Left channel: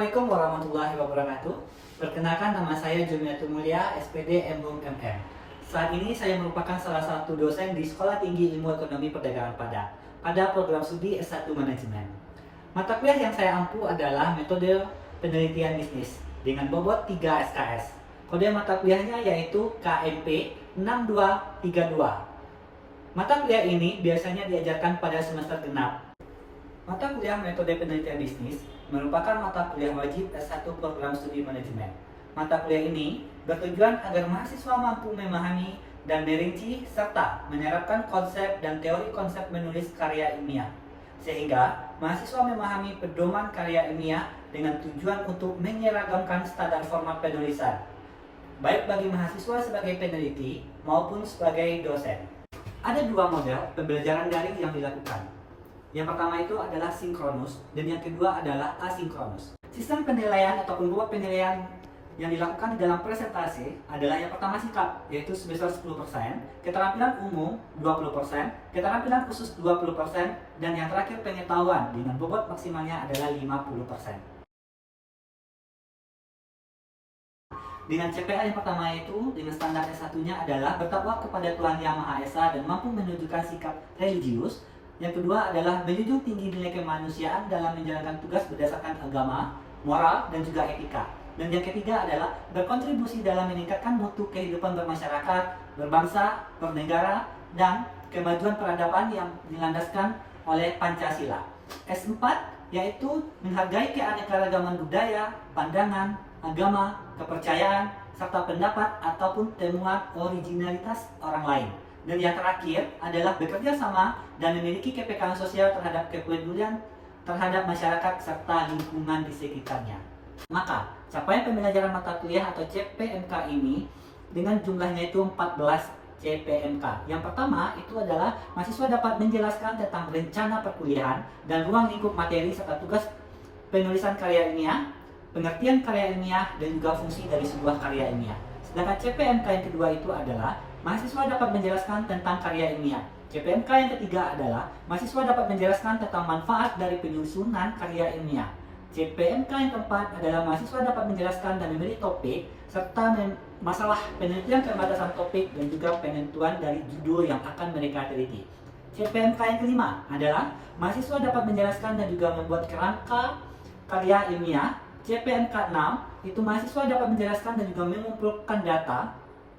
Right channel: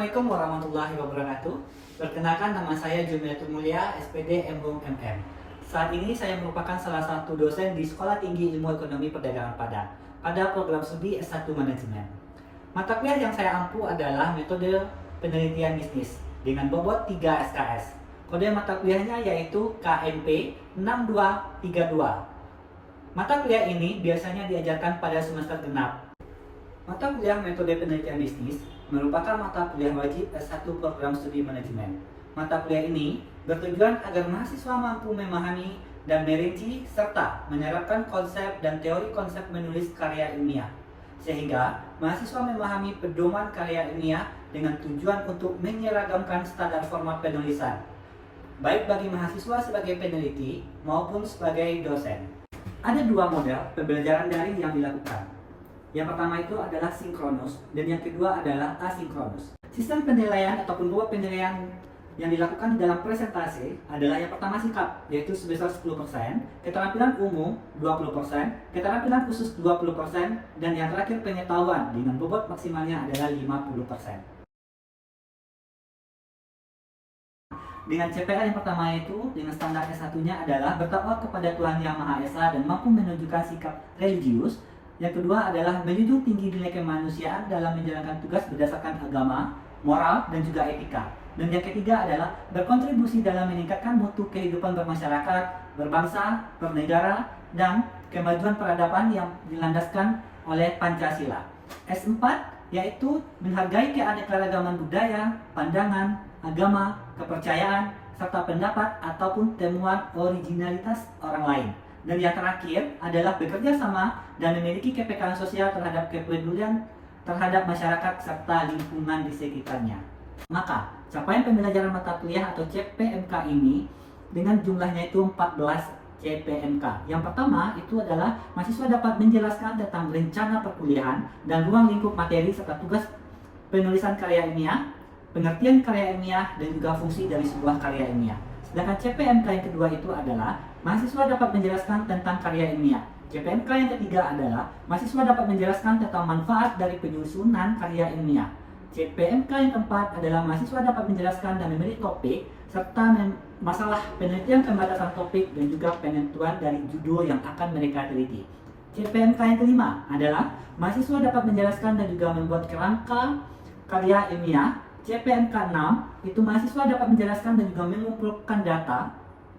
Assalamualaikum warahmatullahi wabarakatuh. Perkenalkan, nama saya Jumiatul Mulia, SPD M.Hum MM. Saat ini saya merupakan salah satu dosen di Sekolah Tinggi Ilmu Ekonomi Perdagangan Padang pada program studi S1 Manajemen. Mata kuliah yang saya ampu adalah metode penelitian bisnis dengan bobot 3 SKS. Kode mata kuliahnya yaitu KMP 6232. Mata kuliah ini biasanya diajarkan pada semester genap. Mata kuliah metode penelitian bisnis merupakan mata kuliah wajib S1 program studi manajemen. Mata kuliah ini bertujuan agar mahasiswa mampu memahami dan merinci serta menerapkan konsep dan teori konsep menulis karya ilmiah, sehingga mahasiswa memahami pedoman karya ilmiah dengan tujuan untuk menyeragamkan standar format penulisan, baik bagi mahasiswa sebagai peneliti maupun sebagai dosen. Ada dua model pembelajaran daring yang dilakukan. Yang pertama itu adalah sinkronus dan yang kedua adalah asinkronus. Sistem penilaian ataupun bobot penilaian yang dilakukan di dalam presentasi adalah yang pertama sikap, yaitu sebesar 10%, keterampilan umum 20%, keterampilan khusus 20%, dan yang terakhir pengetahuan dengan bobot maksimalnya adalah 50%. Dengan CPA yang pertama itu, dengan standar S1-nya adalah bertakwa kepada Tuhan Yang Maha Esa dan mampu menunjukkan sikap religius. Yang kedua adalah menjunjung tinggi nilai kemanusiaan dalam menjalankan tugas berdasarkan agama, moral, dan juga etika. Dan yang ketiga adalah berkontribusi dalam meningkatkan mutu kehidupan bermasyarakat, berbangsa, bernegara, dan kemajuan peradaban yang dilandaskan oleh Pancasila. S4 yaitu menghargai keanekaragaman budaya, pandangan, agama, kepercayaan, serta pendapat ataupun temuan originalitas orang lain. Dan yang terakhir adalah bekerja sama dan memiliki kepekaan sosial terhadap kepedulian terhadap masyarakat serta lingkungan di sekitarnya. Maka, capaian pembelajaran mata kuliah atau CPMK ini dengan jumlahnya itu 14 CPMK. Yang pertama itu adalah mahasiswa dapat menjelaskan tentang rencana perkuliahan dan ruang lingkup materi serta tugas penulisan karya ilmiah, pengertian karya ilmiah, dan juga fungsi dari sebuah karya ilmiah. Sedangkan CPMK yang kedua itu adalah mahasiswa dapat menjelaskan tentang karya ilmiah. CPMK yang ketiga adalah mahasiswa dapat menjelaskan tentang manfaat dari penyusunan karya ilmiah. CPMK yang keempat adalah mahasiswa dapat menjelaskan dan memilih topik serta masalah penelitian pembatasan topik dan juga penentuan dari judul yang akan mereka teliti. CPMK yang kelima adalah mahasiswa dapat menjelaskan dan juga membuat kerangka karya ilmiah. CPMK 6 itu mahasiswa dapat menjelaskan dan juga mengumpulkan data,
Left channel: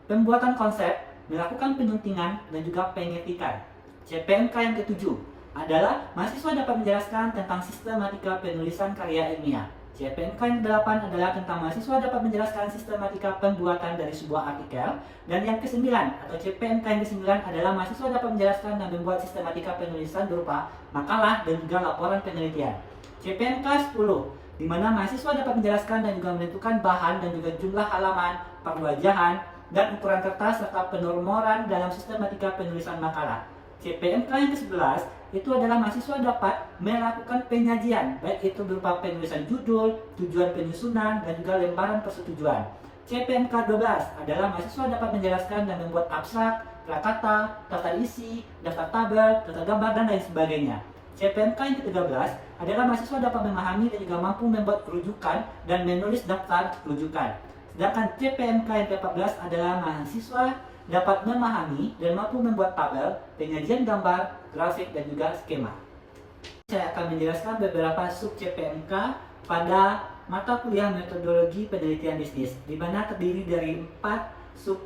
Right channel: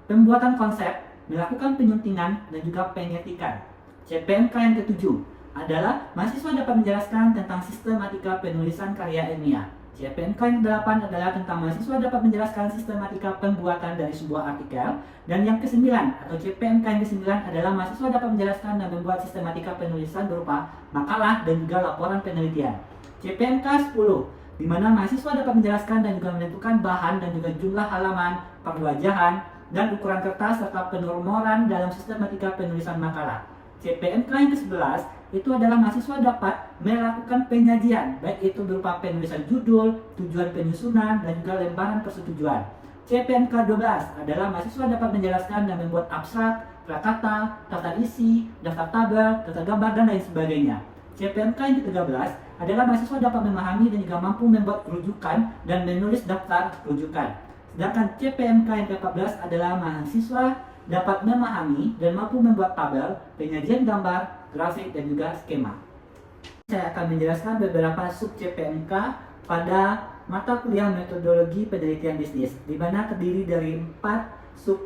pembuatan konsep, melakukan penyuntingan, dan juga pengetikan. CPMK yang ketujuh adalah mahasiswa dapat menjelaskan tentang sistematika penulisan karya ilmiah. CPMK yang ke-8 adalah tentang mahasiswa dapat menjelaskan sistematika pembuatan dari sebuah artikel. Dan yang ke-9 atau CPMK yang ke-9 adalah mahasiswa dapat menjelaskan dan membuat sistematika penulisan berupa makalah dan juga laporan penelitian. CPMK 10 di mana mahasiswa dapat menjelaskan dan juga menentukan bahan dan juga jumlah halaman, perwajahan, dan ukuran kertas serta penormoran dalam sistematika penulisan makalah. CPMK yang ke-11 itu adalah mahasiswa dapat melakukan penyajian, baik itu berupa penulisan judul, tujuan penyusunan, dan juga lembaran persetujuan. CPMK 12 adalah mahasiswa dapat menjelaskan dan membuat abstrak, prakata, tata isi, daftar tabel, tata gambar, dan lain sebagainya. CPMK yang ke-13 adalah mahasiswa dapat memahami dan juga mampu membuat rujukan dan menulis daftar rujukan. Sedangkan CPMK yang ke-14 adalah mahasiswa dapat memahami dan mampu membuat tabel, penyajian gambar, grafik, dan juga skema. Saya akan menjelaskan beberapa sub CPMK pada mata kuliah metodologi penelitian bisnis, di mana terdiri dari 4 sub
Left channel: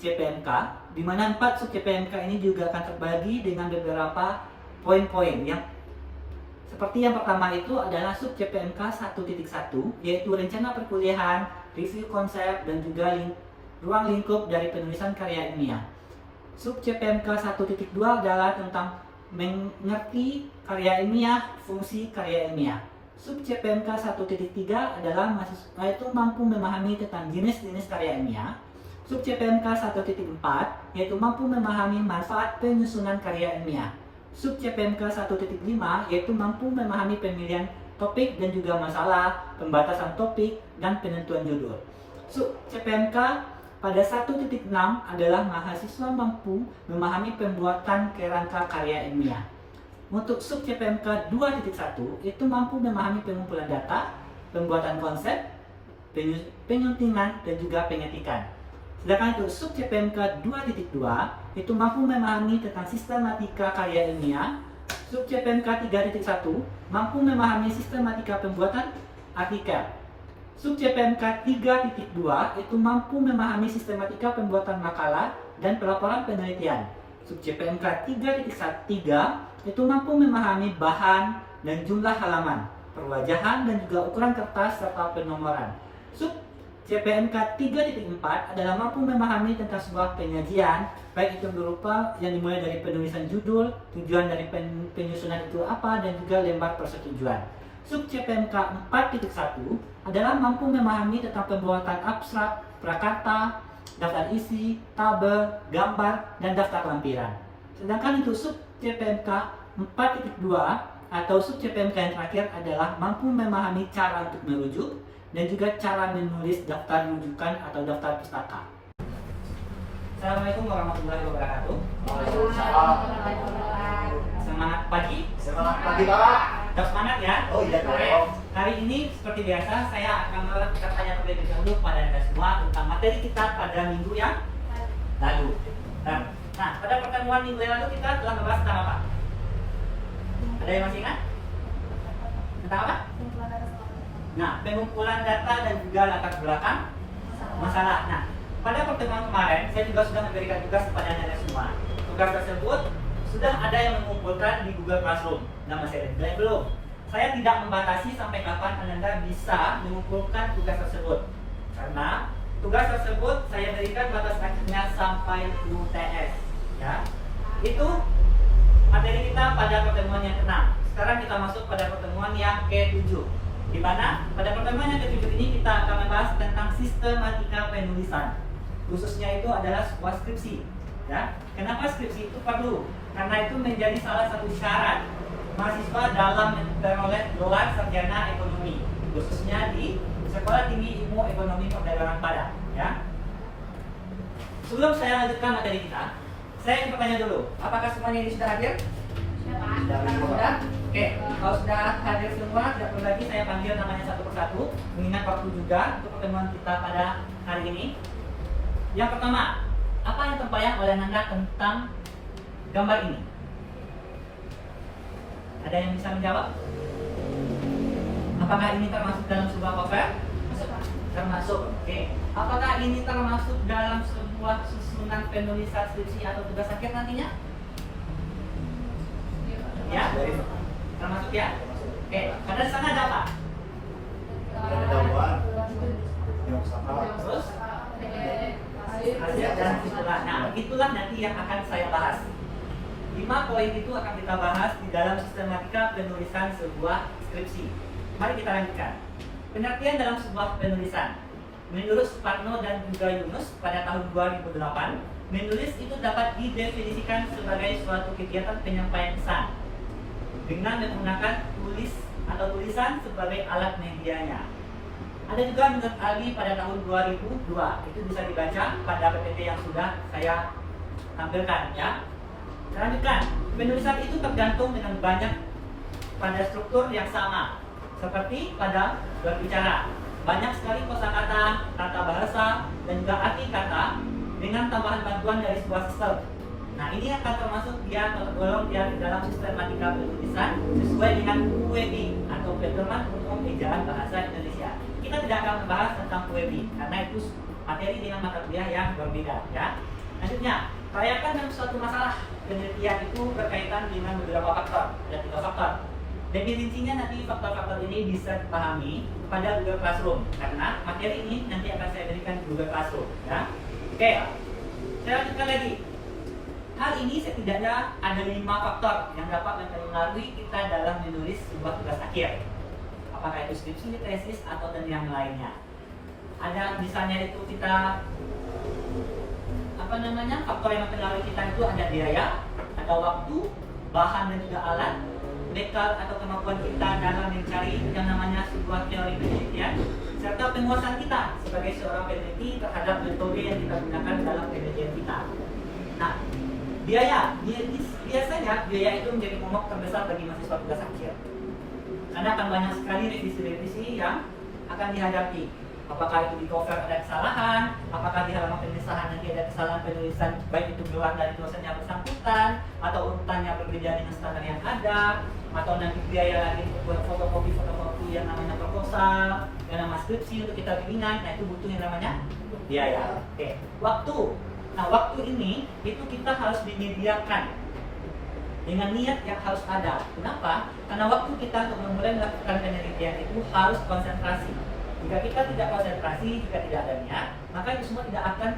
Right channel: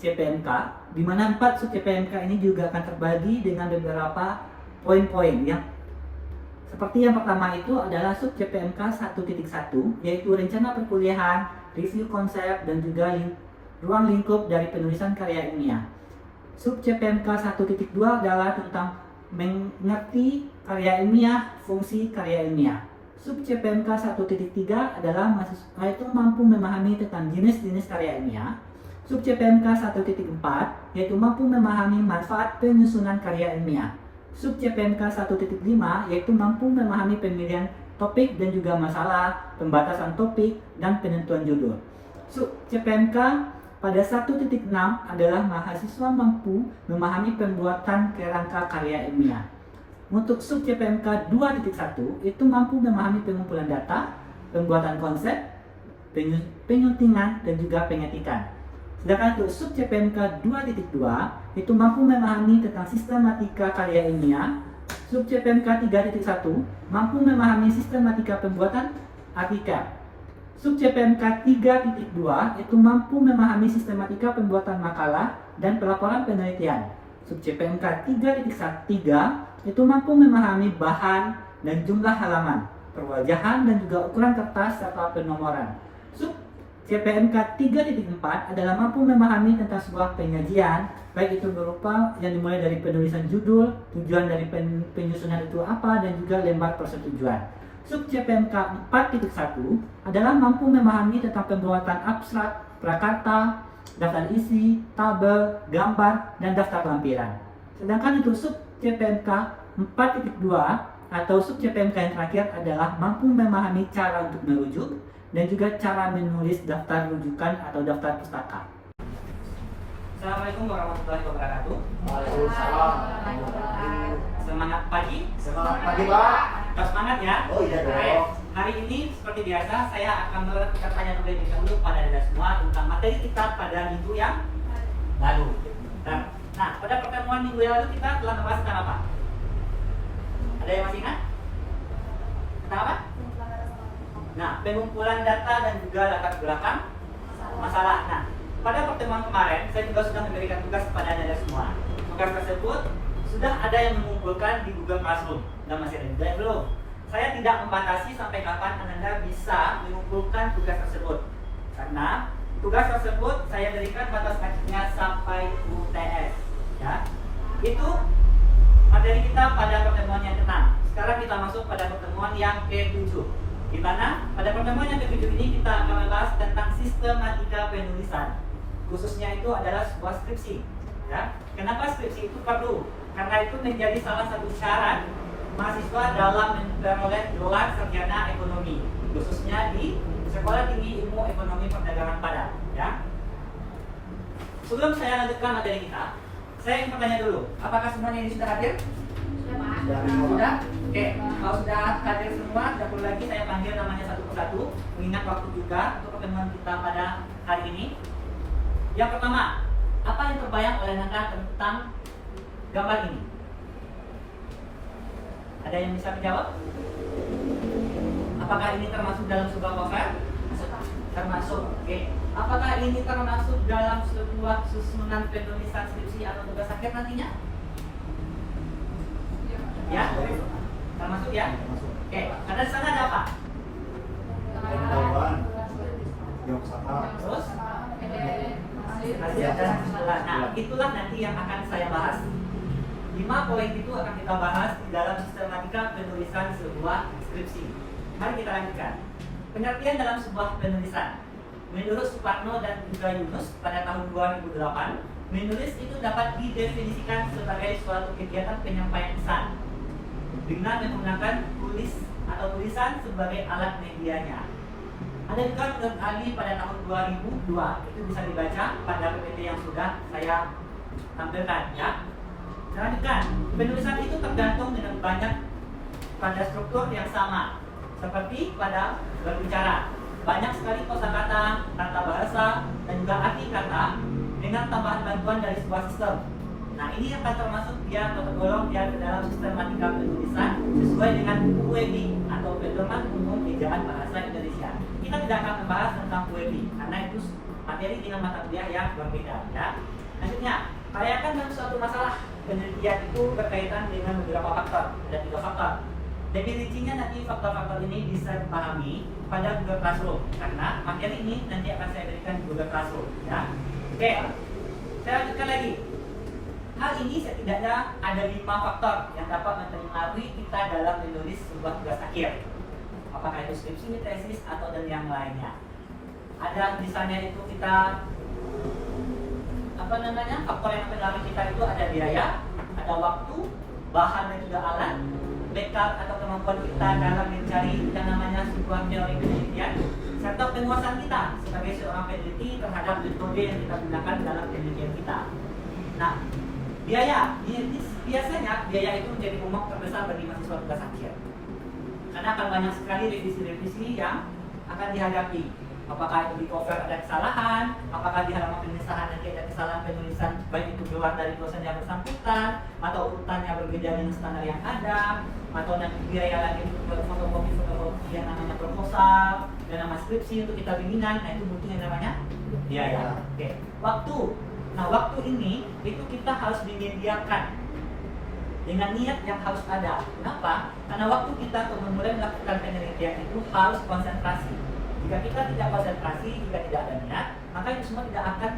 CPMK, di mana 4 sub CPMK ini juga akan terbagi dengan beberapa poin-poin yang seperti yang pertama itu adalah sub CPMK 1.1, yaitu rencana perkuliahan, review konsep, dan juga ruang lingkup dari penulisan karya ilmiah. Sub CPMK 1.2 adalah tentang mengerti karya ilmiah, fungsi karya ilmiah. Sub CPMK 1.3 adalah mahasiswa itu mampu memahami tentang jenis-jenis karya ilmiah. Sub CPMK 1.4 yaitu mampu memahami manfaat penyusunan karya ilmiah. Sub CPMK 1.5 yaitu mampu memahami pemilihan topik dan juga masalah, pembatasan topik, dan penentuan judul. Sub CPMK pada 1.6 adalah mahasiswa mampu memahami pembuatan kerangka karya ilmiah. Untuk sub CPMK 2.1 itu mampu memahami pengumpulan data, pembuatan konsep, penyuntingan, dan juga penyetikan. Sedangkan untuk sub CPMK 2.2 itu mampu memahami tentang sistematika karya ilmiah. Sub CPMK 3.1 mampu memahami sistematika pembuatan artikel. Sub CPMK 3.2 itu mampu memahami sistematika pembuatan makalah dan pelaporan penelitian. Sub CPMK 3.3 itu mampu memahami bahan dan jumlah halaman, perwajahan dan juga ukuran kertas serta penomoran. Sub CPMK 3.4 adalah mampu memahami tentang sebuah penyajian, baik itu berupa yang dimulai dari penulisan judul, tujuan dari penyusunan itu apa, dan juga lembar persetujuan. Sub CPMK 4.1 adalah mampu memahami tentang pembuatan abstrak, prakarta, daftar isi, tabel, gambar, dan daftar lampiran. Sedangkan untuk sub CPMK 4.2 atau sub CPMK yang terakhir adalah mampu memahami cara untuk merujuk dan juga cara menulis daftar rujukan atau daftar pustaka. Assalamualaikum warahmatullahi wabarakatuh. Waalaikumsalam. Semangat pagi. Semangat pagi, Pak. Tetap semangat ya. Oh iya dong. Oke. Hari ini seperti biasa saya akan melakukan tanya terlebih dahulu pada Anda semua tentang materi kita pada minggu yang lalu. Nah, pada pertemuan minggu yang lalu kita telah membahas tentang apa? Ada yang masih ingat? Tentang apa? Nah, pengumpulan data dan juga latar belakang masalah. Nah, pada pertemuan kemarin saya juga sudah memberikan tugas kepada Anda semua. Tugas tersebut sudah ada yang mengumpulkan di Google Classroom dan masih ada yang belum. Saya tidak membatasi sampai kapan Anda bisa mengumpulkan tugas tersebut, karena tugas tersebut saya berikan batas waktunya sampai UTS. Ya, itu materi kita pada pertemuan yang ke-6. Sekarang kita masuk pada pertemuan yang ke-7, di mana pada pertemuan yang ke-7 ini kita akan membahas tentang sistematika penulisan. Khususnya itu adalah sebuah skripsi. Ya, kenapa skripsi itu perlu? Karena itu menjadi salah satu syarat mahasiswa dalam memperoleh gelar sarjana ekonomi, khususnya di Sekolah Tinggi Ilmu Ekonomi Perdagangan Padang. Ya. Sebelum saya lanjutkan materi kita, saya ingin bertanya dulu, apakah semuanya ini sudah hadir? Sudah? Oke, kalau sudah hadir semua, tidak perlu lagi saya panggil namanya satu persatu, mengingat waktu juga untuk pertemuan kita pada hari ini. Yang pertama, apa yang terbayang oleh Anda tentang gambar ini? Ada yang bisa menjawab? Apakah ini termasuk dalam sebuah novel? Termasuk. Oke. Apakah ini termasuk dalam sebuah susunan penulisan skripsi atau tugas akhir nantinya? Ya, termasuk ya. Oke. Karena di sana ada apa? Pendahuluan. Yang sama. Terus? Hasil dan itulah. Nah, itulah nanti yang akan saya bahas. 5 poin itu akan kita bahas di dalam sistematika penulisan sebuah skripsi. Mari kita lanjutkan. Pengertian dalam sebuah penulisan. Menurut Suparno dan juga Yunus pada tahun 2008, menulis itu dapat didefinisikan sebagai suatu kegiatan penyampaian pesan dengan menggunakan tulis atau tulisan sebagai alat medianya. Ada juga menurut Ali pada tahun 2002, itu bisa dibaca pada PPT yang sudah saya tampilkan ya. Lanjutkan, penulisan itu tergantung dengan banyak pada struktur yang sama, seperti pada berbicara. Banyak sekali kosakata, tata bahasa, dan juga arti kata dengan tambahan bantuan dari sebuah sistem. Nah, ini akan termasuk dia atau tergolong dia ke dalam sistematika penulisan sesuai dengan UEB atau Pedoman Umum Ejaan Bahasa Indonesia. Kita tidak akan membahas tentang UEB karena itu materi dengan mata kuliah yang berbeda ya. Lanjutnya, rayakan dalam suatu masalah penelitian itu berkaitan dengan beberapa faktor dan 3 faktor. Dan rincinya nanti faktor-faktor ini bisa dipahami pada Google Classroom karena materi ini nanti akan saya berikan di Google Classroom. Ya. Oke, saya lanjutkan lagi. Hal ini setidaknya ada 5 faktor yang dapat mempengaruhi kita dalam menulis sebuah tugas akhir. Apakah itu skripsi, tesis, atau dan yang lainnya. Ada misalnya itu kita faktor yang mempengaruhi kita itu ada biaya, ada waktu, bahan dan juga alat, bekal atau kemampuan kita dalam mencari yang namanya sebuah teori penelitian, serta penguasaan kita sebagai seorang peneliti terhadap metode yang kita gunakan dalam penelitian kita. Nah, biasanya biaya itu menjadi momok terbesar bagi mahasiswa tugas akhir, karena akan banyak sekali revisi-revisi yang akan dihadapi. Apakah itu di cover ada kesalahan, apakah di halaman pemisahan nanti ada kesalahan penulisan, baik itu keluar dari dosen yang bersangkutan, atau urutan yang berbeda dengan standar yang ada, atau nanti biaya lagi untuk fotokopi yang namanya proposal, yang nama skripsi untuk kita bimbingan, nah itu butuh yang namanya biaya. Oke, waktu. Nah waktu ini itu kita harus disediakan dengan niat yang harus ada. Kenapa? Karena waktu kita untuk memulai melakukan penelitian itu harus konsentrasi. Jika kita tidak konsentrasi, jika tidak ada niat, maka itu semua tidak akan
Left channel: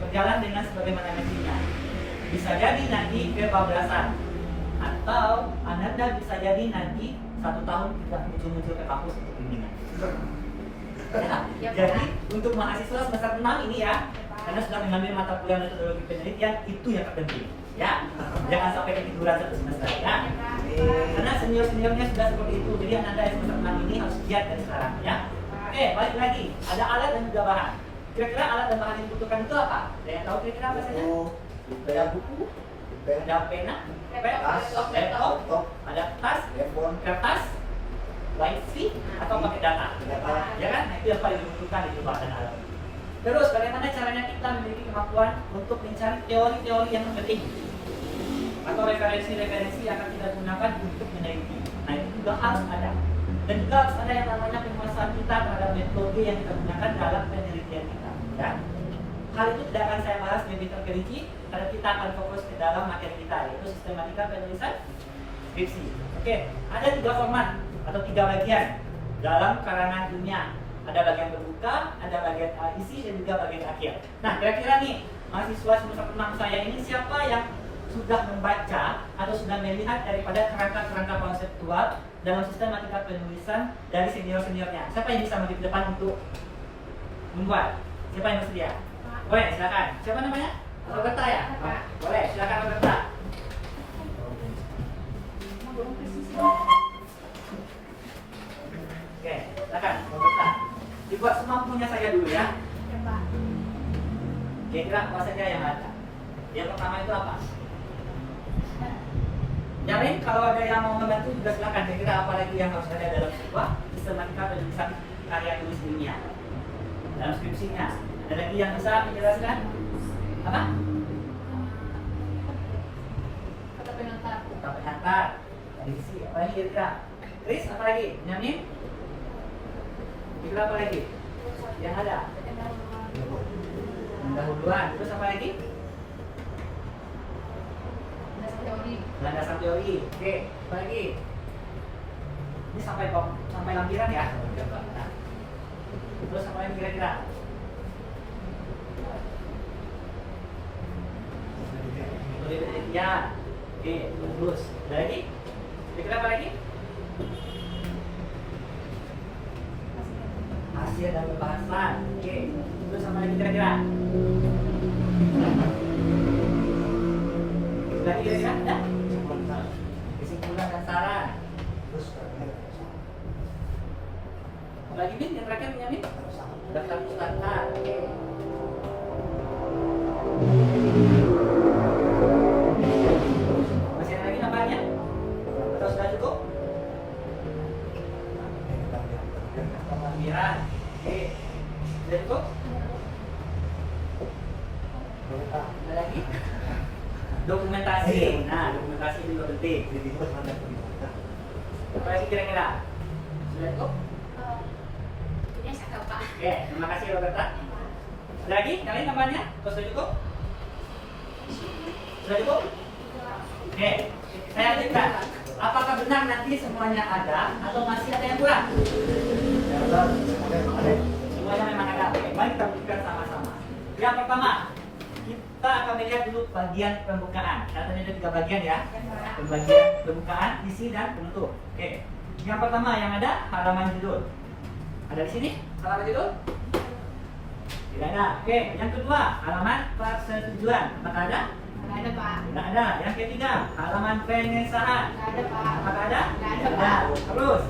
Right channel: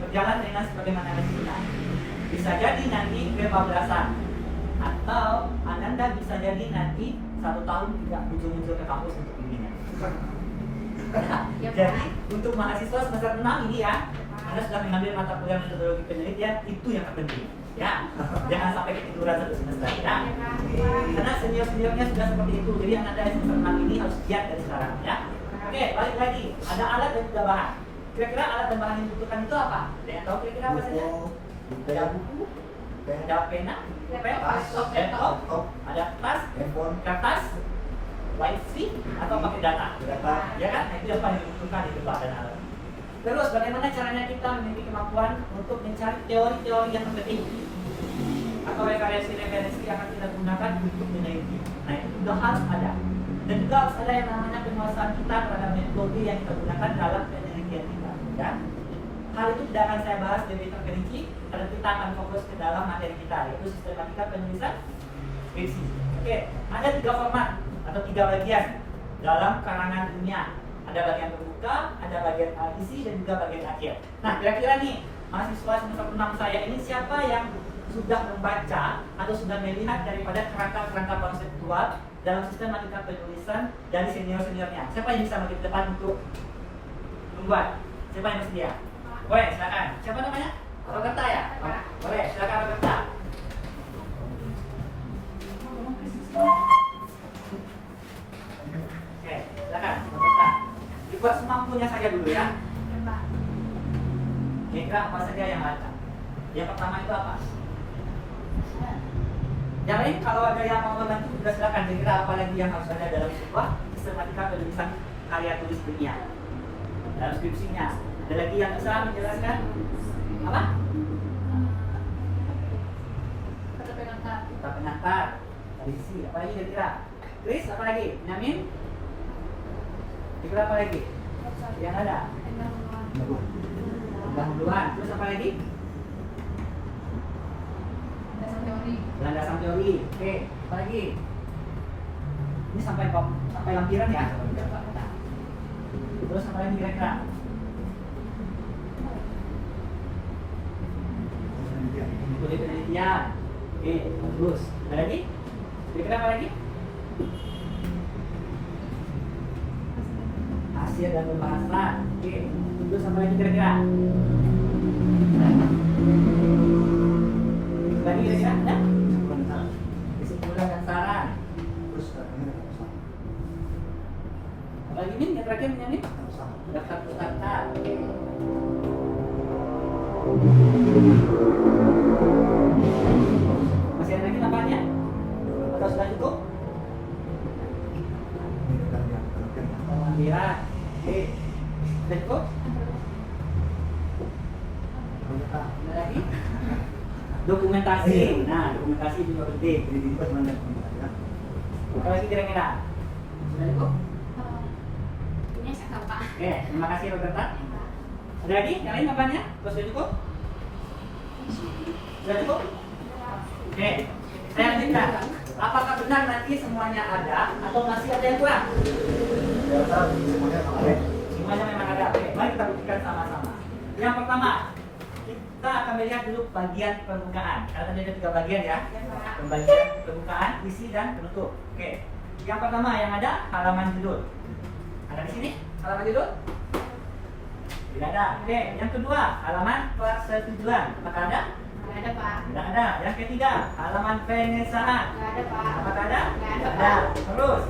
berjalan dengan sebagaimana mestinya. Bisa jadi nanti kebablasan, atau Anda bisa jadi nanti 1 tahun tidak muncul-muncul ke kampus untuk bimbingan. Jadi untuk mahasiswa semester 6 ini ya, Anda sudah mengambil mata kuliah metodologi penelitian, itu yang terpenting. Ya, jangan sampai ketiduran 1 semester ya. Karena senior-seniornya sudah seperti itu, jadi Anda yang semester 6 ini harus giat dari sekarang ya. Oke, balik lagi. Ada alat dan juga bahan. Kira-kira alat dan bahan yang dibutuhkan itu apa? Ada yang tahu kira-kira apa saja? Ada buku, ada pena, laptop, ada tas, kertas, wifi, atau pakai data. Ya kan? Nah, itu yang paling dibutuhkan itu bahan dan alat. Terus, bagaimana caranya kita memiliki kemampuan untuk mencari teori-teori yang penting atau referensi-referensi yang akan kita gunakan untuk meneliti. Nah, itu juga harus ada. Dan juga harus ada yang namanya penguasaan kita terhadap metode yang kita gunakan dalam penelitian kita. Ya. Hal itu tidak akan saya bahas lebih terperinci, karena kita akan fokus ke dalam materi kita, yaitu sistematika penulisan skripsi. Oke, ada 3 format atau 3 bagian dalam karangan ilmiah. Ada bagian terbuka, ada bagian isi, dan juga bagian akhir. Nah, kira-kira nih mahasiswa semester 6 saya ini siapa yang sudah membaca atau sudah melihat daripada kerangka-kerangka konseptual dalam sistematika penulisan dari senior-seniornya? Siapa yang bisa maju ke depan untuk membuat? Siapa yang bersedia? Boleh, silakan. Siapa namanya? Roberta ya? Boleh, silakan Roberta. Oke, silakan Roberta. Dibuat semampunya saja dulu ya. Kira-kira apa saja yang ada? Yang pertama itu apa? Yang lain kalau ada yang mau membantu juga silakan. Kira-kira apa lagi yang harus ada dalam sebuah sistematika penulisan karya tulis ilmiah dalam skripsinya? Ada lagi yang bisa menjelaskan? Apa? Kata pengantar. Kata pengantar. Isi apa lagi kira-kira? Chris apa lagi? Nyamin? Kira-kira apa lagi? Yang ada? Pendahuluan. Terus apa lagi? Landasan teori. Oke, lagi. Ini sampai lampiran ya. Nah. Terus apa lagi kira-kira? Metode penelitian. Oke, bagus. Ada lagi? Kira-kira apa lagi? Hasil dan pembahasan. Oke. Terus apa lagi kira-kira? Lagi kira-kira ada? Kesimpulan dan saran. Lagi nih yang terakhir punya nih daftar peserta. Masih ada lagi namanya? Atau sudah cukup? Lampiran. Oke. Sudah cukup? Ada lagi? Dokumentasi. Nah, dokumentasi juga penting. Apa lagi kira-kira? Sudah cukup? Ini saya tahu, Pak. Oke, terima kasih Roberta. Ada lagi? Yang lain apanya? Sudah cukup? Sudah cukup? Oke, saya lanjutkan. Apakah benar nanti semuanya ada atau masih ada yang kurang? Semuanya memang ada. Oke, mari kita buktikan sama-sama. Yang pertama, kita akan melihat dulu bagian pembukaan. Karena tadi ada 3 bagian ya. Bagian pembukaan, isi, dan penutup. Oke. Yang pertama yang ada halaman judul. Ada di sini halaman judul? Tidak ada. Oke. Yang kedua halaman persetujuan. Apakah ada? Nggak ada, Pak. Tidak ada. Yang ketiga halaman pengesahan. Nggak ada, Pak. Apakah ada? Nggak ada, Pak. Terus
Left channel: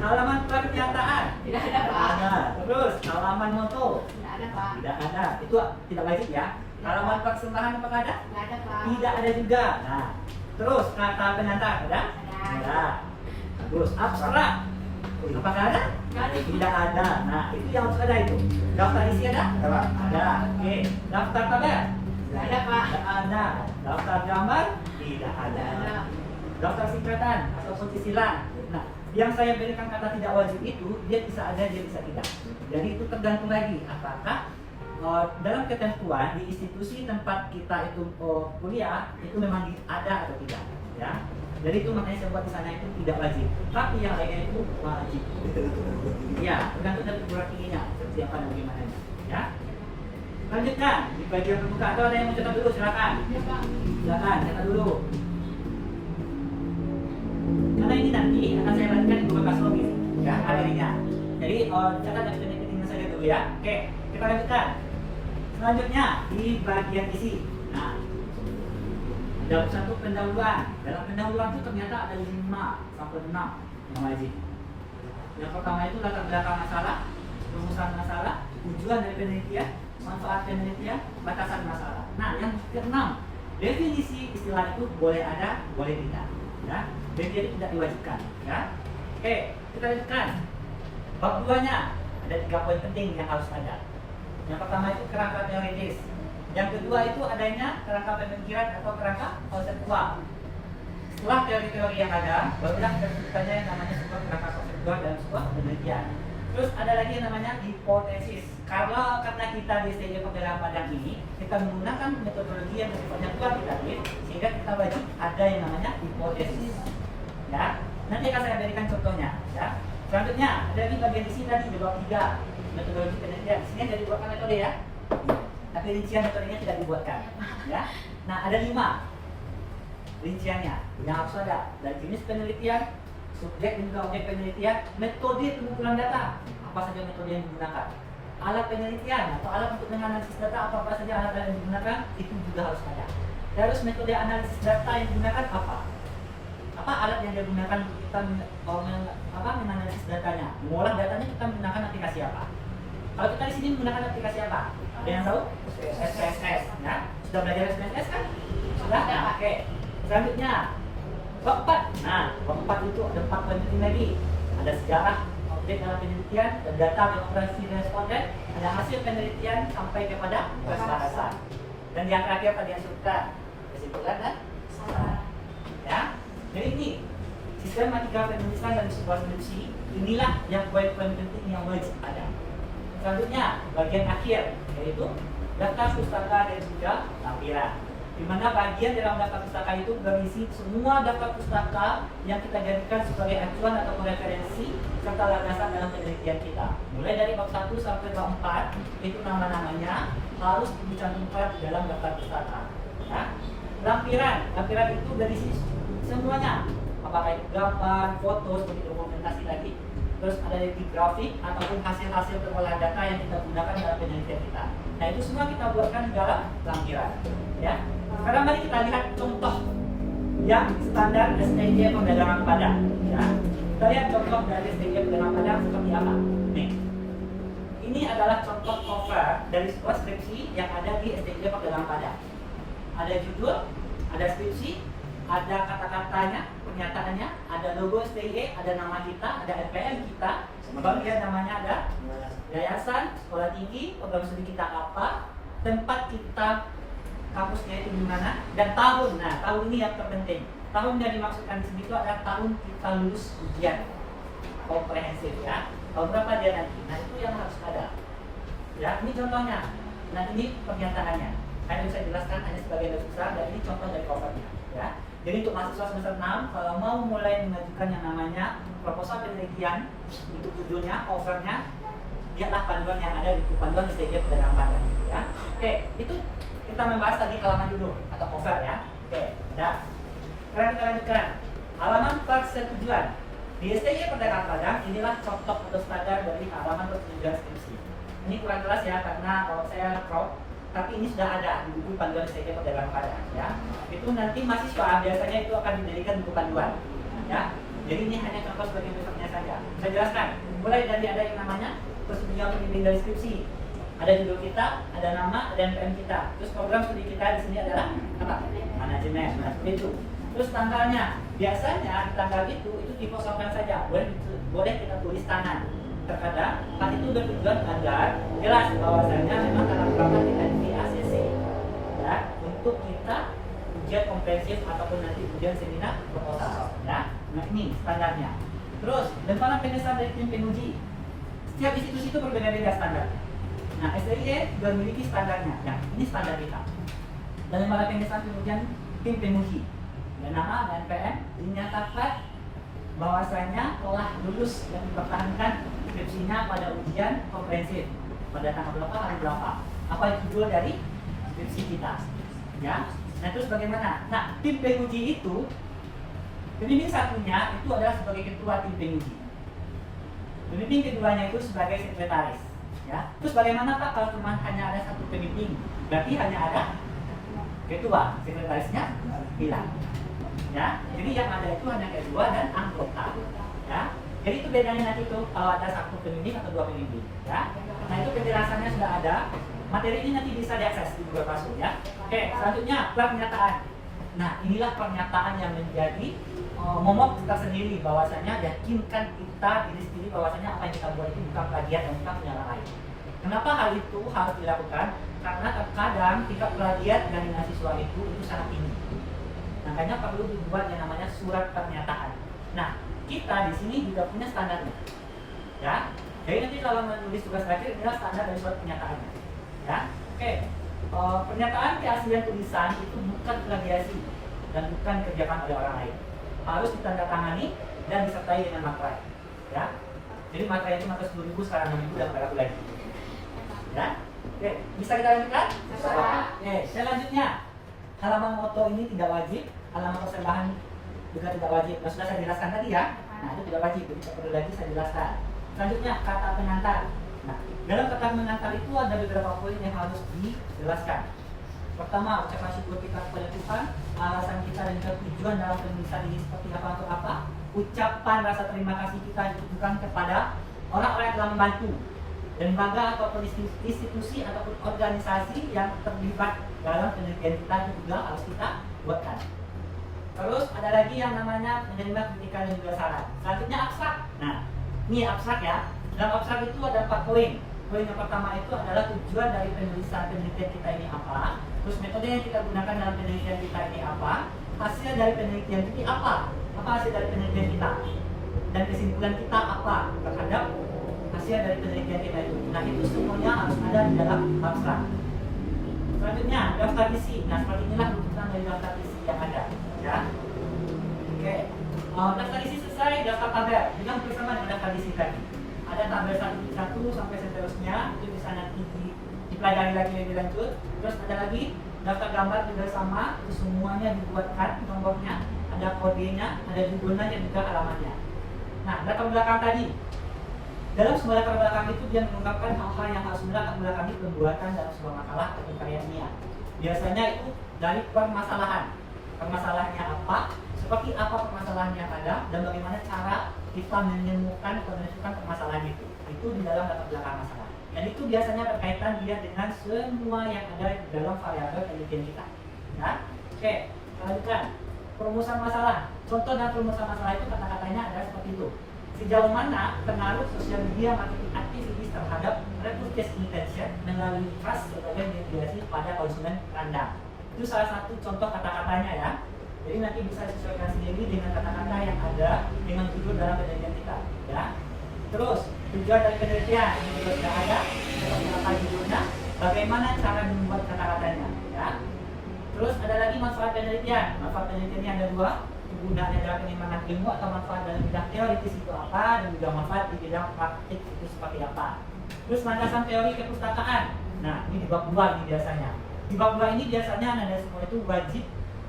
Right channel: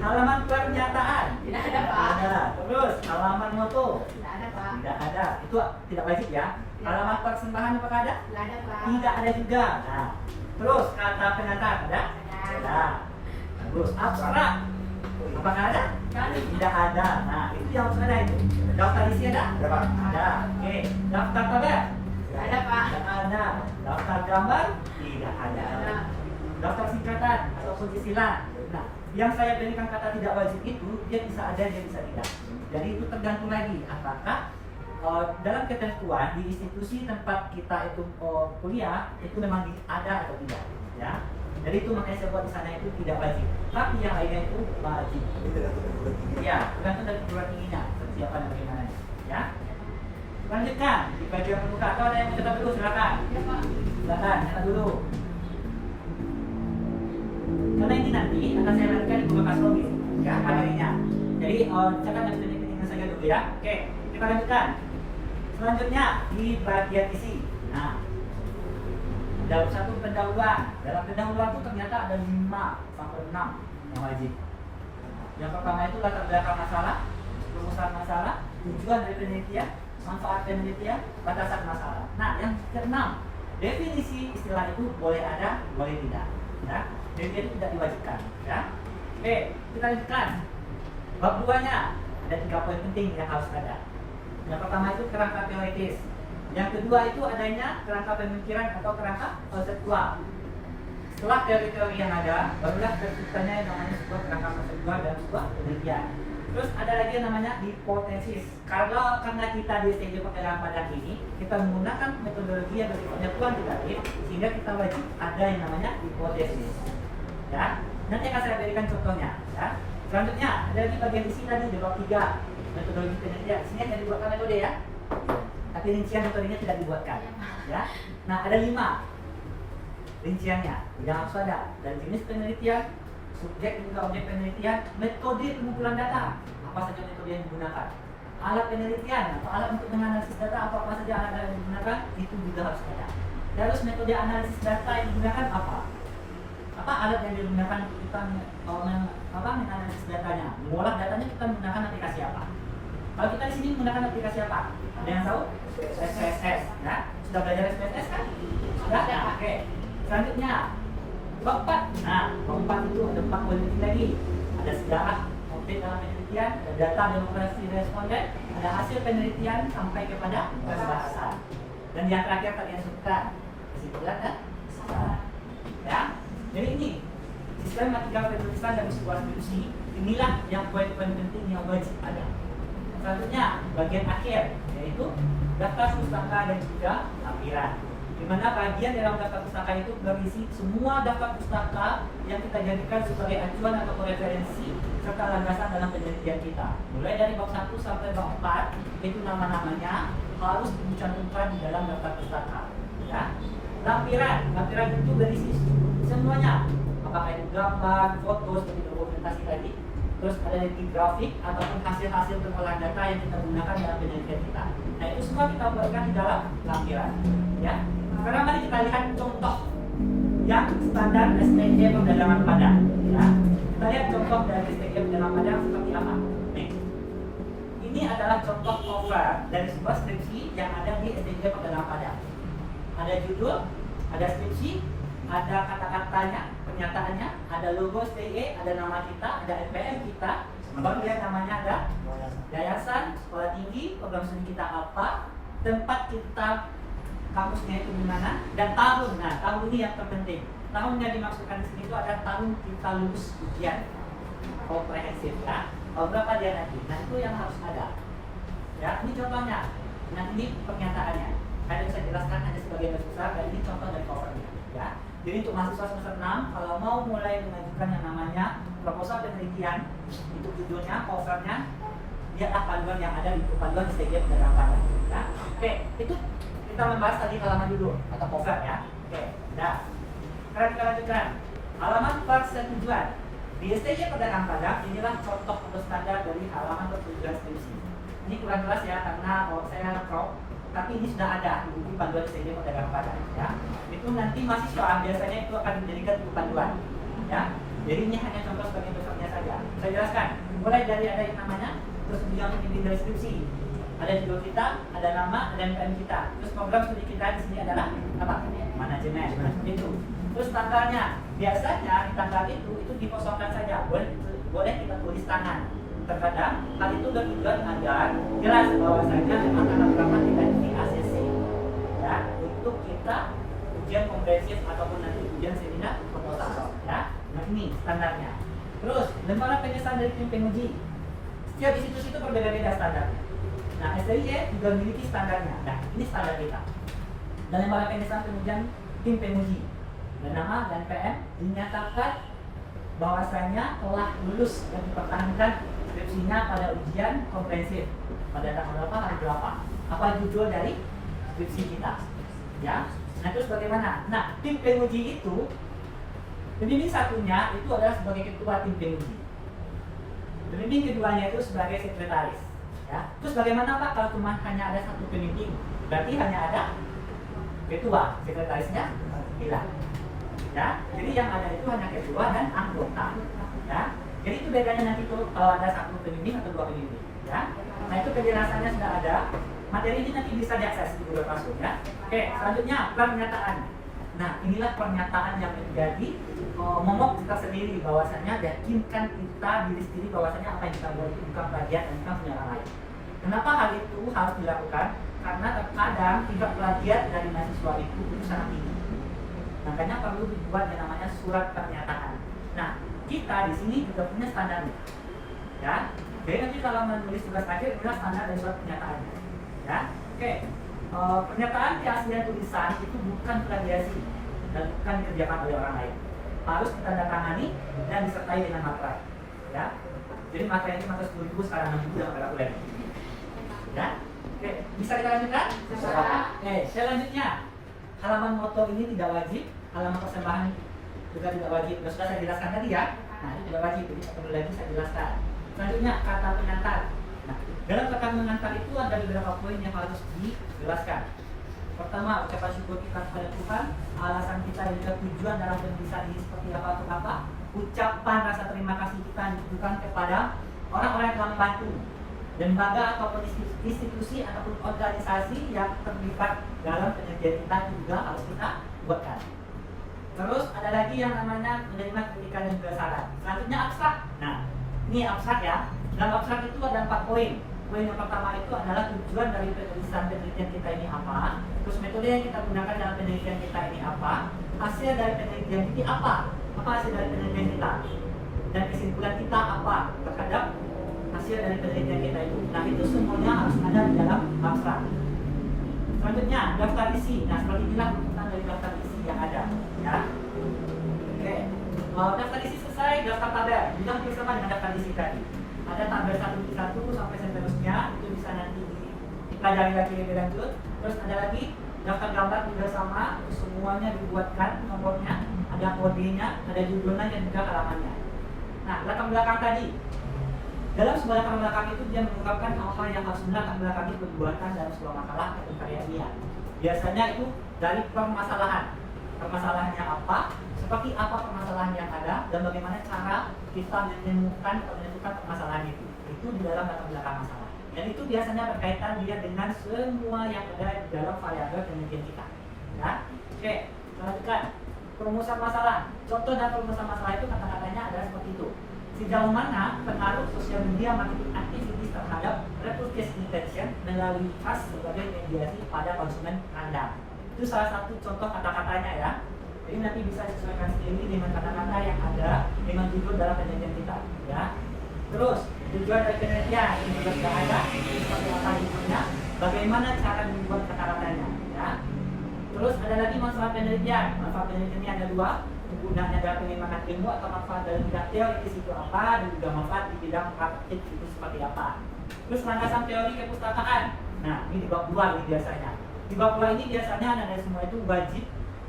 halaman pernyataan. Tidak ada, Pak. Ada. Terus halaman noto. Tidak ada, Pak. Tidak ada. Itu tidak wajib ya. Halaman persembahan apakah ada? Nggak ada, Pak. Tidak ada juga. Nah, terus kata pengantar ada? Ada. Ada. Bagus. Abstrak. Apakah ada? Tidak ada. Nah, itu yang harus ada itu. Daftar isi ada? Ada, Pak. Ada. Oke. Daftar tabel? Tidak ada, Pak. Tidak ada. Daftar gambar? Tidak ada. Ada. Daftar singkatan ataupun istilah. Nah, yang saya berikan kata tidak wajib itu dia bisa ada, dia bisa tidak. Jadi itu tergantung lagi apakah dalam ketentuan di institusi tempat kita itu kuliah itu memang ada atau tidak, ya. Jadi itu makanya saya buat di sana itu tidak wajib. Tapi yang lainnya itu wajib. Ya, tergantung dari perguruan tingginya, kesiapan dan bagaimana, ya. Selanjutnya di bagian pembuka atau ada yang mau catat dulu silakan. Ya, Pak. Silakan catat dulu. Karena ini nanti akan saya lanjutkan di bekas login, ya materinya. Jadi catat dari penelitian saja dulu ya. Oke, kita lanjutkan. Selanjutnya di bagian isi. Nah, dalam satu pendahuluan. Dalam pendahuluan itu ternyata ada 5 sampai 6 yang wajib. Yang pertama itu latar belakang masalah, rumusan masalah, tujuan dari penelitian, manfaat penelitian, batasan masalah. Nah, yang keenam, definisi istilah itu boleh ada, boleh tidak. Ya, dan jadi tidak diwajibkan. Ya. Oke, kita lanjutkan. Bab 2-nya ada 3 poin penting yang harus ada. Yang pertama itu kerangka teoritis. Yang kedua itu adanya kerangka pemikiran atau kerangka konseptual. Setelah teori-teori yang ada, barulah terciptanya yang namanya sebuah kerangka konseptual dalam sebuah penelitian. Terus ada lagi yang namanya hipotesis. Karena kita di STJ Pembelaan Padang ini, kita menggunakan metodologi yang sifatnya kuantitatif, sehingga kita wajib ada yang namanya hipotesis. Ya, nanti akan saya berikan contohnya. Ya. Selanjutnya ada di bagian isi tadi di bab 3 metodologi penelitian. Sini ada dibuatkan metode ya, tapi rincian metodenya tidak dibuatkan. Ya, nah ada 5 rinciannya yang harus ada dari jenis penelitian, subjek dan juga objek penelitian, metode pengumpulan data, apa saja metode yang digunakan, alat penelitian atau alat untuk menganalisis data, apa saja alat yang digunakan, itu juga harus ada. Terus metode analisis data yang digunakan apa alat yang digunakan untuk kita menganalisis datanya, mengolah datanya, kita menggunakan aplikasi apa. Kalau kita di sini menggunakan aplikasi apa? Ada yang tahu? SPSS, ya. Sudah belajar SPSS kan? Sudah? Sudah, Pak. Oke. Selanjutnya bab 4. Nah, bab 4 itu ada 4 penelitian lagi. Ada sejarah objek dalam penelitian, data demokrasi responden, ada hasil penelitian sampai kepada bahasa. Dan yang terakhir tadi yang suka kesimpulan dan saran. Ya. Jadi ini sistematika penulisan dari sebuah skripsi, inilah yang poin penting yang wajib ada. Selanjutnya bagian akhir yaitu daftar pustaka dan juga lampiran. Di mana bagian dalam daftar pustaka itu berisi semua daftar pustaka yang kita jadikan sebagai acuan atau referensi serta landasan dalam penelitian kita. Mulai dari bab 1 sampai bab 4 itu nama-namanya harus dicantumkan di dalam daftar pustaka. Ya. Lampiran itu berisi semuanya, apakah itu gambar, foto, sebagai dokumentasi lagi. Terus ada di grafik ataupun hasil-hasil pengolahan data yang kita gunakan dalam penelitian kita. Nah itu semua kita buatkan di dalam lampiran. Ya. Sekarang mari kita lihat contoh yang standar STJ Pembelaan Padang. Ya. Kita lihat contoh dari STJ Pembelaan Padang seperti apa. Nih, ini adalah contoh cover dari sebuah skripsi yang ada di STJ Pembelaan Padang. Ada judul, ada skripsi, ada kata-katanya, pernyataannya, ada logo STJ, ada nama kita, ada LPM kita, bagian namanya ada yayasan, sekolah tinggi, program studi kita apa, tempat kita kampusnya itu di mana, dan tahun. Nah, tahun ini yang terpenting. Tahun yang dimaksudkan di sini itu adalah tahun kita lulus ujian komprehensif ya. Tahun berapa dia nanti? Nah, itu yang harus ada. Ya, ini contohnya. Nah, ini pernyataannya. Hanya bisa jelaskan hanya sebagai dasar dan ini contoh dari covernya. Ya. Jadi untuk mahasiswa semester 6 kalau mau mulai mengajukan yang namanya proposal penelitian, untuk judulnya, covernya, lihatlah panduan yang ada di panduan STJ Pembelaan Padang. Ya. Oke, itu kita membahas tadi halaman judul atau cover ya. Oke, udah. Sekarang kita lanjutkan. Halaman persetujuan. Di STJ Pembelaan Padang inilah contoh atau standar dari halaman persetujuan skripsi. Ini kurang jelas ya karena saya crop, tapi ini sudah ada di buku panduan STJ Pembelaan Padang ya. Itu nanti mahasiswa biasanya itu akan dijadikan buku panduan ya. Jadi ini hanya contoh sebagai besarnya saja. Saya jelaskan. Mulai dari ada yang namanya persetujuan pembimbing dari skripsi. Ada judul kita, ada nama, ada NPM kita. Terus program studi kita di sini adalah apa? Manajemen. Nah, itu. Terus tanggalnya. Biasanya tanggal itu dikosongkan saja. Boleh boleh kita tulis tangan. Terkadang hal itu bertujuan agar jelas bahwasanya memang tahap pertama tidak di ACC ya, untuk kita ujian komprehensif ataupun nanti ujian seminar proposal ya. Nah ini standarnya. Terus lembaran pengesahan dari tim penguji, setiap institusi itu berbeda-beda standar. Nah STIE juga memiliki standarnya. Nah ini standar kita. Dan lembaran pengesahan pengujian tim penguji dan nama dan PM dinyatakan bahwasanya telah lulus dan dipertahankan skripsinya pada ujian komprehensif pada tanggal berapa, hari berapa, apa tujuan dari skripsi kita ya. Nah terus bagaimana? Nah tim penguji itu pembimbing satunya itu adalah sebagai ketua tim penguji, pembimbing keduanya itu sebagai sekretaris ya. Terus bagaimana Pak kalau cuma hanya ada satu pembimbing? Berarti hanya ada ketua, sekretarisnya hilang ya. Jadi yang ada itu hanya ketua dan anggota ya. Jadi itu bedanya nanti tuh kalau ada satu pembimbing atau dua pembimbing ya. Nah itu penjelasannya sudah ada, materi ini nanti bisa diakses di Google Classroom ya. Oke, selanjutnya pernyataan. Nah inilah pernyataan yang menjadi momok kita sendiri, bahwasanya yakinkan kita diri sendiri bahwasanya apa yang kita buat itu bukan plagiat dan bukan punya orang lain. Kenapa hal itu harus dilakukan? Karena terkadang tingkat plagiat dari mahasiswa itu sangat tinggi. Makanya perlu dibuat yang namanya surat pernyataan. Nah, kita di sini juga punya standar ya. Jadi nanti kalau menulis tugas akhir inilah standar dari surat pernyataan. Ya. Oke. Pernyataan keaslian tulisan itu bukan plagiasi dan bukan dikerjakan oleh orang lain. Harus ditandatangani dan disertai dengan materai. Ya. Jadi materai itu materi 10.000 sekarang 6.000 dan berlaku lagi. Ya. Oke, bisa kita lanjutkan? Bisa. Oke, selanjutnya halaman moto ini tidak wajib, halaman persembahan juga tidak wajib. Nah, sudah saya jelaskan tadi ya. Nah, itu tidak wajib, jadi tak perlu lagi saya jelaskan. Selanjutnya kata pengantar. Nah, dalam kata pengantar itu ada beberapa poin yang harus dijelaskan. Pertama, ucapan syukur kita kepada Tuhan, alasan kita dan juga tujuan dalam penulisan ini seperti apa atau apa. Ucapan rasa terima kasih kita ditujukan kepada orang-orang yang telah membantu, lembaga ataupun institusi ataupun organisasi yang terlibat dalam penelitian kita juga harus kita buatkan. Terus ada lagi yang namanya menerima kritikan dan juga saran. Selanjutnya abstrak. Nah, ini abstrak ya. Dalam abstrak itu ada 4 poin. Poin yang pertama itu adalah tujuan dari penelitian kita ini apa. Terus metode yang kita gunakan dalam penelitian kita ini apa. Hasil dari penelitian kita apa. Apa hasil dari penelitian kita. Dan kesimpulan kita apa terhadap hasil dari penelitian kita itu. Nah itu semuanya harus ada di dalam abstrak. Selanjutnya daftar isi. Nah seperti inilah rujukan dari daftar isi yang ada ya. Oke. Daftar isi selesai, daftar tabel. Bilang bersama dengan daftar isi tadi. Ada tabel 1 sampai seterusnya, itu bisa nanti dipelajari lagi lebih lanjut. Terus ada lagi daftar gambar juga sama, semuanya dibuatkan nomornya, ada kodenya, ada judulnya dan juga halamannya. Nah latar belakang tadi. Dalam sebuah latar belakang itu dia mengungkapkan hal-hal yang harus latar belakang itu dibuatkan dalam sebuah makalah atau karya ilmiah. Biasanya itu dari permasalahan. Permasalahannya apa? Seperti apa permasalahan yang ada dan bagaimana cara kita menemukan menentukan permasalahan itu. Itu di dalam latar belakang masalah. Dan itu biasanya berkaitan dia dengan semua yang ada di dalam variabel penelitian kita. Ya, oke. Lanjutkan perumusan masalah. Contoh dan perumusan masalah itu kata-katanya adalah seperti itu. Sejauh mana pengaruh sosial media marketing aktivitas terhadap repurchase intention melalui trust sebagai mediasi pada konsumen Anda. Itu salah satu contoh kata-katanya ya. Jadi nanti bisa disesuaikan sendiri dengan kata-kata yang ada dengan judul dalam penelitian kita ya. Terus tujuan dari penelitian ini juga sudah ada, seperti apa judulnya, bagaimana cara membuat kata-katanya ya. Terus ada lagi manfaat penelitian. Manfaat penelitiannya ada 2. Kegunaannya dalam pengembangan ilmu atau manfaat dalam bidang teoritis itu apa, dan juga manfaat di bidang praktik itu seperti apa. Terus landasan teori kepustakaan. Nah ini di bab 2 ini biasanya. Di bab 2 ini biasanya anda semua itu wajib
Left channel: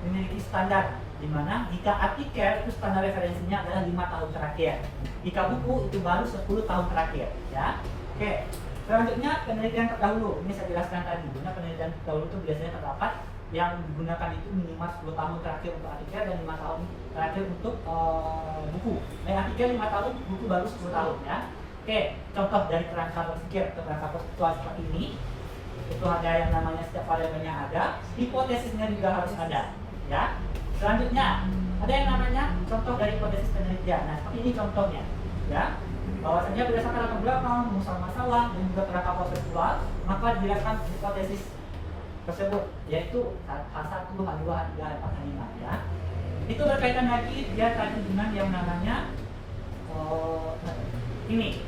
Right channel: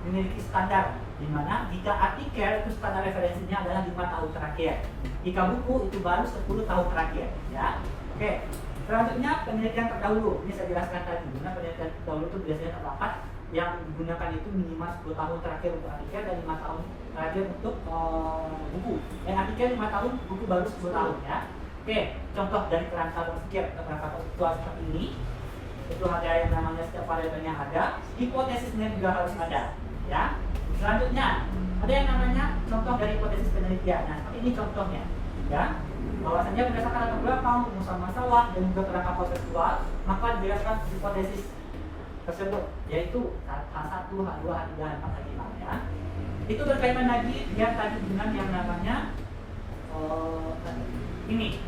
memiliki standar, dimana jika artikel itu standar referensinya adalah 5 tahun terakhir, jika buku itu baru 10 tahun terakhir ya. Oke. Selanjutnya penelitian terdahulu. Ini saya jelaskan tadi, guna penelitian terdahulu itu biasanya terdapat yang digunakan itu minimal 10 tahun terakhir untuk artikel dan 5 tahun terakhir untuk buku. Artikel 5 tahun, buku baru 10 tahun ya. Oke, contoh dari kerangka berpikir atau kerangka konseptual seperti ini. Itu ada yang namanya setiap variabelnya ada, hipotesisnya juga harus ada ya. Selanjutnya ada yang namanya contoh dari hipotesis penelitian. Nah, ini contohnya. ya. Bahwasanya berdasarkan latar belakang, masalah dan juga pendapat kontekstual, maka dijelaskan hipotesis tersebut, yaitu H1, H2, H3, H4, H5 ya. Itu berkaitan lagi dia tadi dengan yang namanya ini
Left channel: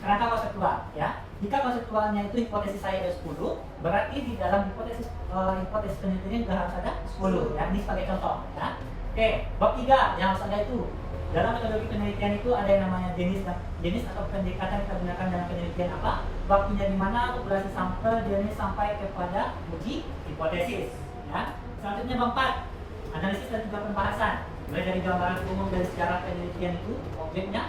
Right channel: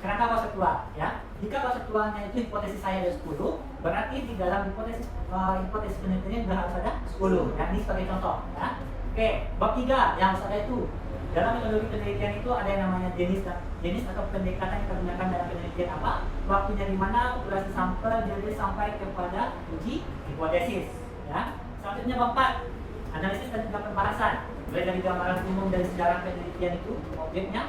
kerangka konseptual ya. Jika konseptualnya itu hipotesis saya ada 10, berarti di dalam hipotesis penelitiannya juga harus ada 10 ya. Ini sebagai contoh ya. Oke, bab 3 yang harus ada itu dalam metodologi penelitian itu ada yang namanya jenis atau pendekatan yang digunakan dalam penelitian apa, waktunya di mana, durasi sampel, jenis sampai kepada uji hipotesis ya. Selanjutnya bab 4 analisis dan juga pembahasan, mulai dari gambaran umum dari sejarah penelitian itu objeknya,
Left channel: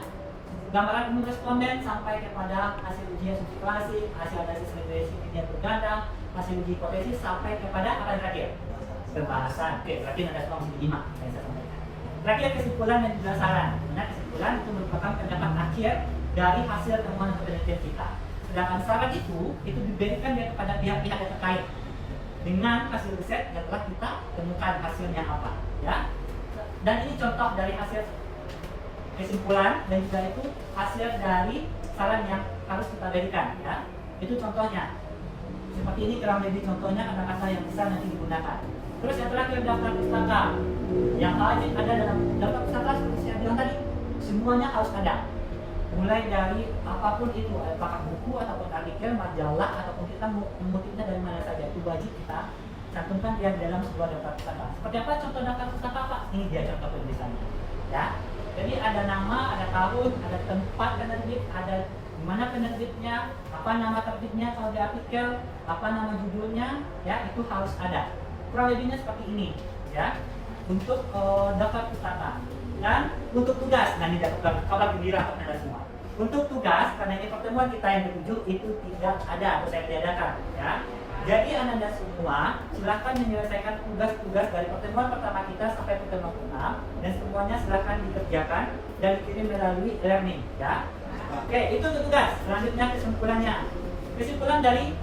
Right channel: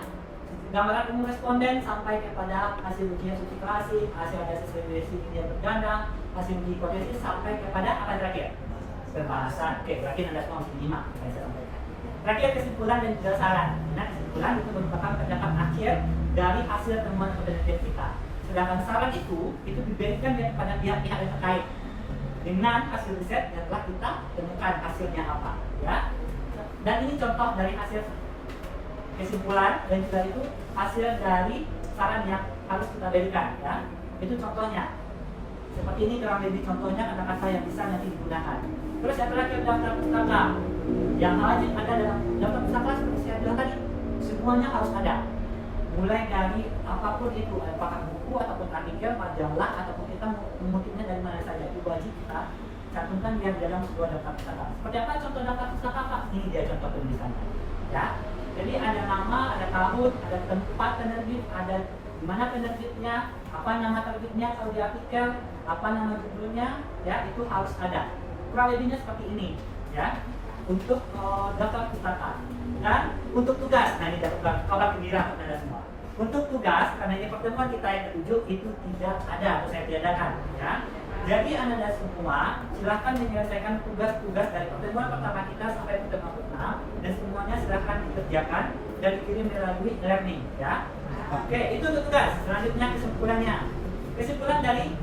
gambaran umum responden sampai kepada hasil uji asumsi klasik, hasil analisis regresi linear berganda, hasil uji hipotesis sampai kepada apa yang terakhir? Pembahasan. Oke, berarti ada fungsi 5 yang saya sampaikan. Terakhir kesimpulan dan juga saran. Nah, kesimpulan itu merupakan pendapat akhir dari hasil temuan penelitian kita. Sedangkan saran itu diberikan kepada pihak-pihak yang terkait dengan hasil riset yang telah kita temukan hasilnya apa, ya. Dan ini contoh dari hasil kesimpulan dan juga itu hasil dari saran yang harus kita berikan, ya. Itu contohnya. Seperti ini kurang lebih contohnya kata-kata yang bisa nanti digunakan. Terus yang terakhir daftar pustaka yang wajib ada dalam daftar pustaka seperti saya bilang tadi, semuanya harus ada. Mulai dari apapun itu, apakah buku ataupun artikel, majalah ataupun kita mengutipnya dari mana saja, itu wajib kita cantumkan yang dalam sebuah daftar pustaka. Seperti apa contoh daftar pustaka Pak? Ini dia contoh penulisannya. Ya. Jadi ada nama, ada tahun, ada tempat penerbit, ada di mana penerbitnya, apa nama terbitnya kalau di artikel, apa nama judulnya, ya itu harus ada. Kurang lebihnya seperti ini, ya. Untuk daftar pustaka dan untuk tugas, nah ini dapat kabar gembira untuk Anda semua. Untuk tugas, karena ini pertemuan kita yang ke-7 itu tidak ada atau saya tiadakan, ya. Jadi Anda semua silahkan menyelesaikan tugas-tugas dari pertemuan pertama kita sampai pertemuan ke-6 dan semuanya silahkan dikerjakan dan dikirim melalui e-learning, ya. Oke, itu untuk tugas. Selanjutnya kesimpulannya. Kesimpulan dari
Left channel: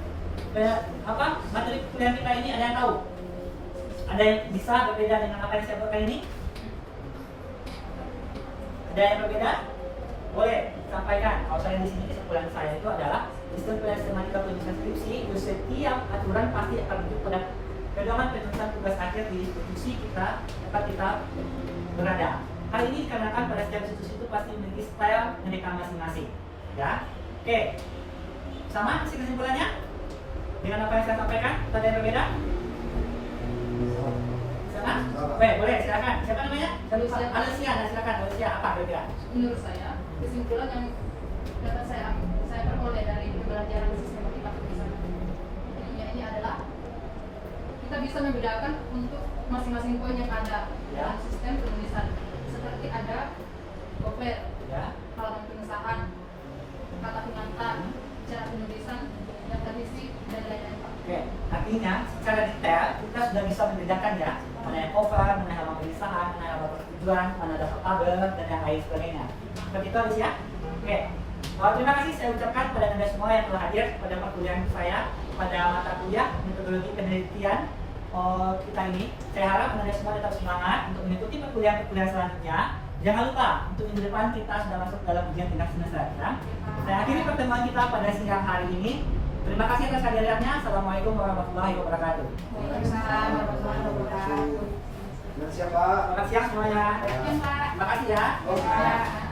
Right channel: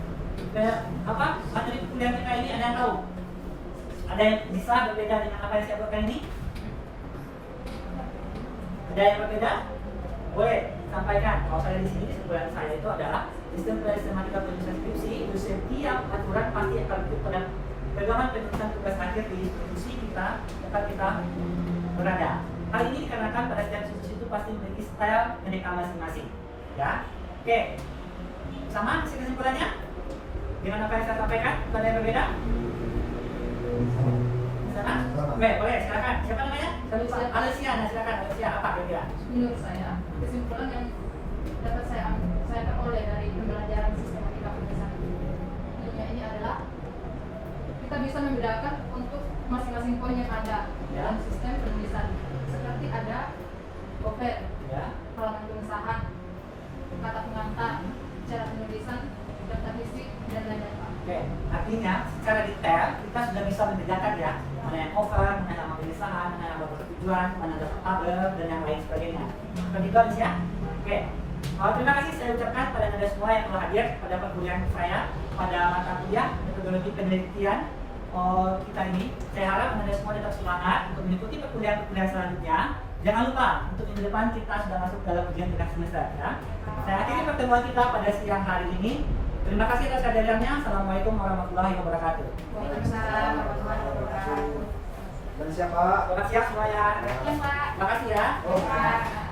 materi kuliah kita ini ada yang tahu? Ada yang bisa berbeda dengan apa yang saya buat kali ini? Ada yang berbeda? Boleh sampaikan. Kalau saya di sini kesimpulan saya itu adalah sistem sistematika penulisan skripsi itu setiap aturan pasti akan merujuk pada pegangan penulisan tugas akhir di institusi kita tempat kita berada. Hal ini dikarenakan pada setiap institusi itu pasti memiliki style pendidikan masing-masing. Ya, oke. Sama isi kesimpulannya dengan apa yang saya sampaikan? Ada yang berbeda? Sama? Oke, boleh silakan. Siapa namanya? Alicia, silakan. Alicia, apa berbeda? Menurut saya, kesimpulan yang dapat saya peroleh dari pembelajaran sistematika penulisan ini adalah kita bisa membedakan untuk masing-masing poin yang ada dalam sistem penulisan. Seperti ada gover, halaman pengesahan, kata pengantar, cara penulisan, data fisik, dan lain-lain. Oke, artinya secara detail kita sudah bisa membedakan ya mana yang cover, mana yang halaman pengesahan, mana yang halaman tujuan, mana daftar tabel dan yang lain sebagainya. Seperti itu harus ya. Oke, terima kasih saya ucapkan pada Anda semua yang telah hadir pada perkuliahan saya pada mata kuliah metodologi penelitian kita ini. Saya harap Anda semua tetap semangat untuk mengikuti perkuliahan selanjutnya. Jangan lupa untuk minggu depan kita sudah masuk dalam ujian tingkat semester ya. Saya akhiri pertemuan kita pada siang hari ini. Terima kasih atas kehadirannya. Assalamualaikum warahmatullahi wabarakatuh. Waalaikumsalam warahmatullahi wabarakatuh. Dan siapa? Selamat siang semuanya. Ya, Pak. Terima kasih ya. Ya.